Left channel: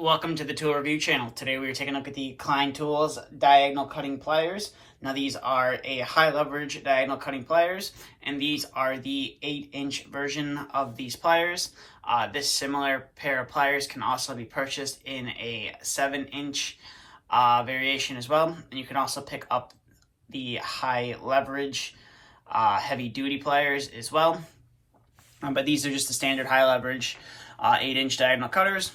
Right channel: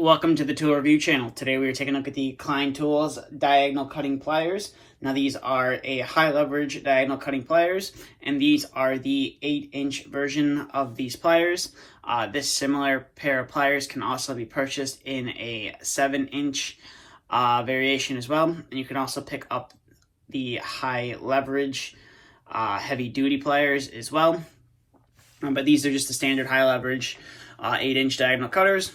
Welcome to the tool review channel. Today we are taking a look at the Klein Tools diagonal cutting pliers. Now these are a high leverage diagonal cutting pliers, and these are the 8-inch version of these pliers. This similar pair of pliers can also be purchased in a 7-inch variation as well. And you can also pick up the high leverage heavy duty pliers as well. But these are just the standard high leverage 8-inch diagonal cutters.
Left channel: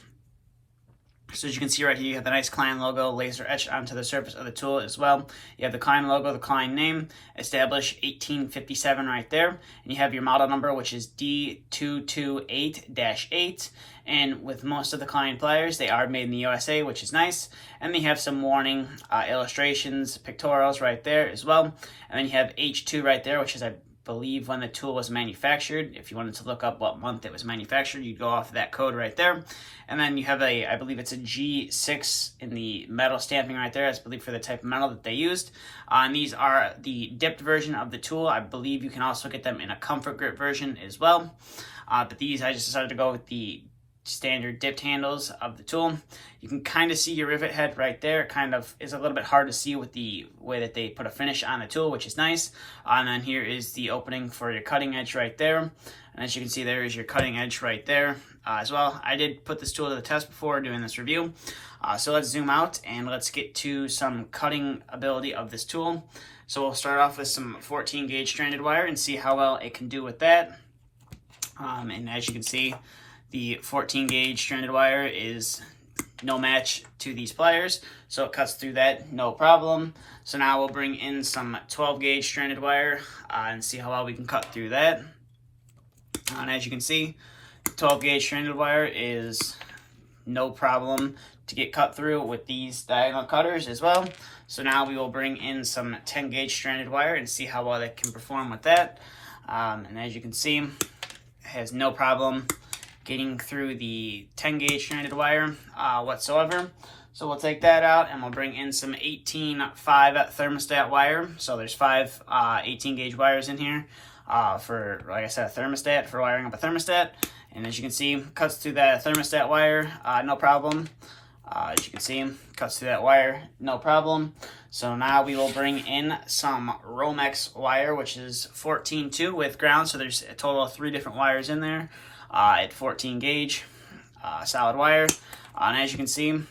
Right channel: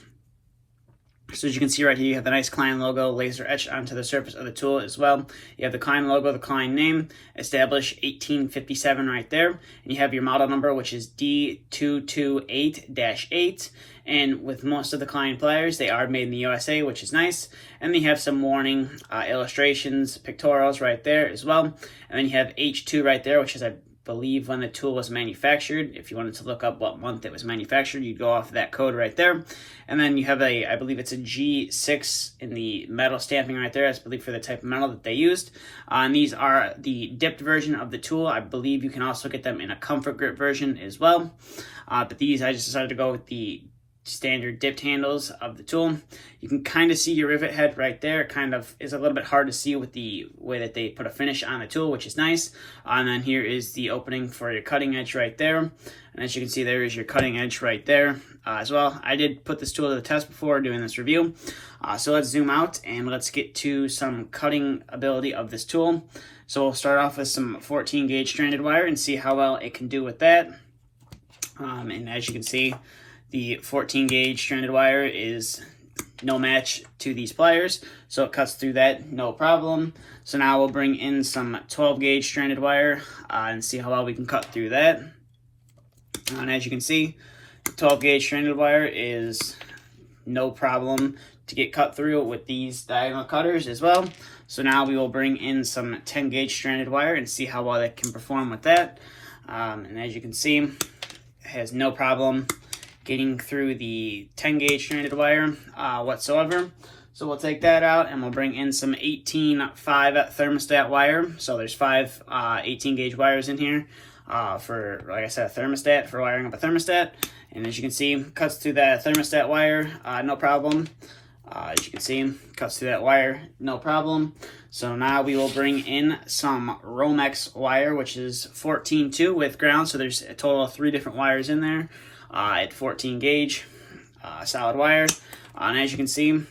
So as you can see right here, you have the nice Klein logo laser etched onto the surface of the tool as well. You have the Klein logo, the Klein name, established 1857 right there. And you have your model number, which is D228-8. And with most of the Klein pliers, they are made in the USA, which is nice. And then you have some warning illustrations, pictorials right there as well. And then you have H2 right there, which is, I believe, when the tool was manufactured. If you wanted to look up what month it was manufactured, you go off of that code right there. And then you have I believe it's a G6 in the metal stamping right there. That's, I believe, for the type of metal that they used. And these are the dipped version of the tool. I believe you can also get them in a comfort grip version as well. But these, I just decided to go with the standard dipped handles of the tool. You can kind of see your rivet head right there. It kind of is a little bit hard to see with the way that they put a finish on the tool, which is nice. And then here is the opening for your cutting edge right there. And as you can see, there is your cutting edge right there as well. I did put this tool to the test before doing this review. So let's zoom out and let's get to some cutting ability of this tool. So we'll start off with some 14 gauge stranded wire and see how well it can do with that. And as you can see, the 14 gauge stranded wire is no match to these pliers, so it cuts through that no problem. So now we'll bring in some 12 gauge stranded wire and see how well we can cut through that. And as you can see, 12 gauge stranded wire is no problem to get cut through with these diagonal cutters as well. So now we will bring in some 10 gauge stranded wire and see how well it can perform with that. And as you can see, it has no problem getting through the 10 gauge stranded wire whatsoever. So we'll take that out and we'll bring in some 18.5 thermostat wire. So there's 5 18 gauge wires in here for, like I said, a thermostat, for wiring up a thermostat. And as you can see, cuts through that thermostat wire, no problem. As you can see, cuts through that wire, no problem. So now we will bring in some Romex wire, which is 14.2 with ground. So there's a total of 3 different wires in there. At 14 gauge solid wire, and as you can see, you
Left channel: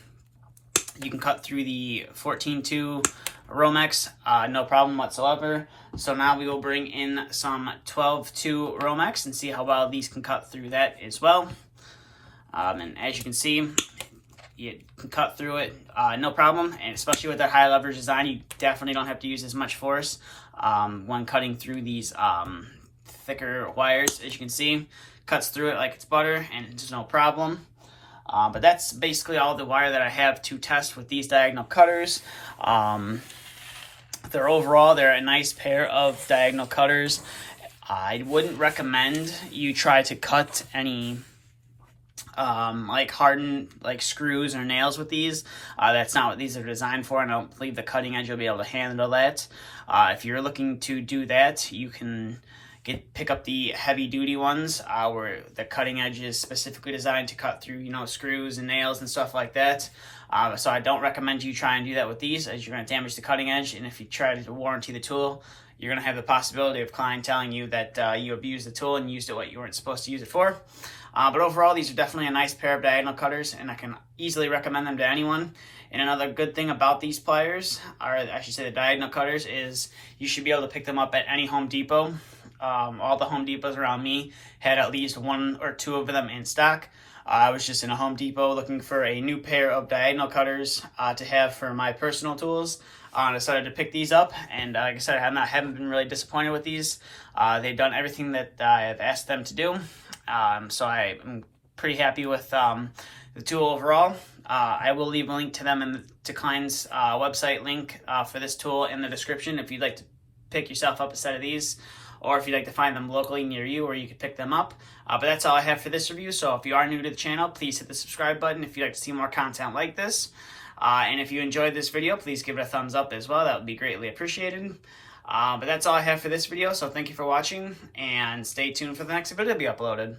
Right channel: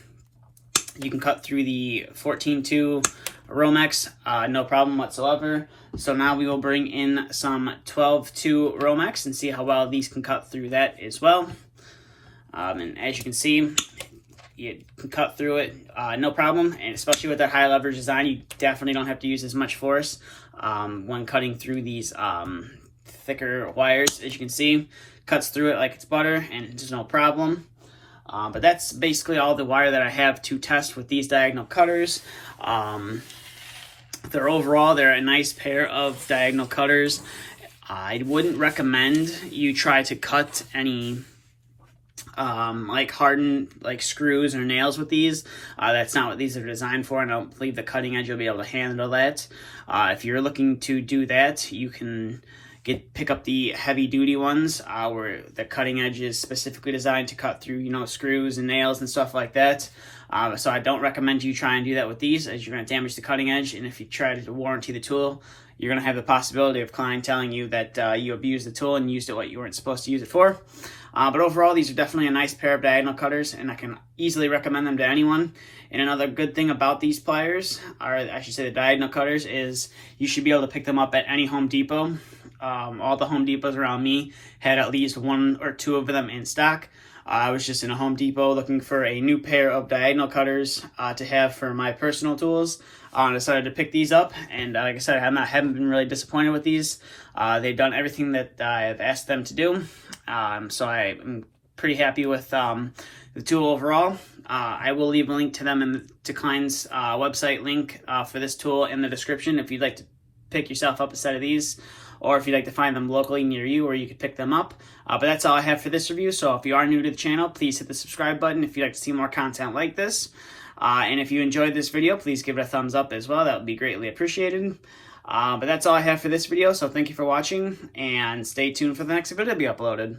can cut through the 14.2 Romex no problem whatsoever. So now we will bring in some 12.2 Romex and see how well these can cut through that as well. And as you can see, you can cut through it no problem, and especially with that high leverage design, you definitely don't have to use as much force when cutting through these thicker wires. As you can see, cuts through it like it's butter and there's no problem. But that's basically all the wire that I have to test with these diagonal cutters. They're a nice pair of diagonal cutters. I wouldn't recommend you try to cut any like hardened like screws or nails with these. That's not what these are designed for, and I don't believe the cutting edge will be able to handle that. If you're looking to do that, you can pick up the heavy duty ones where the cutting edge is specifically designed to cut through, you know, screws and nails and stuff like that. So I don't recommend you try and do that with these, as you're going to damage the cutting edge. And if you try to warranty the tool, you're going to have the possibility of Klein telling you that you abused the tool and used it what you weren't supposed to use it for. But overall, these are definitely a nice pair of diagonal cutters, and I can easily recommend them to anyone. And another good thing about these pliers, or I should say the diagonal cutters, is you should be able to pick them up at any Home Depot. All the Home Depots around me had at least 1 or 2 of them in stock. I was just in a Home Depot looking for a new pair of diagonal cutters to have for my personal tools. I decided to pick these up, and like I said, I haven't been really disappointed with these. They've done everything that I've asked them to do, so I'm pretty happy with the tool overall. I will leave a link to them to Klein's website link for this tool in the description if you'd like to pick yourself up a set of these, or if you'd like to find them locally near you where you can pick them up. But that's all I have for this review. So if you are new to the channel, please hit the subscribe button if you'd like to see more content like this. And if you enjoyed this video, please give it a thumbs up as well. That would be greatly appreciated. But that's all I have for this video. So thank you for watching, and stay tuned for the next video to be uploaded.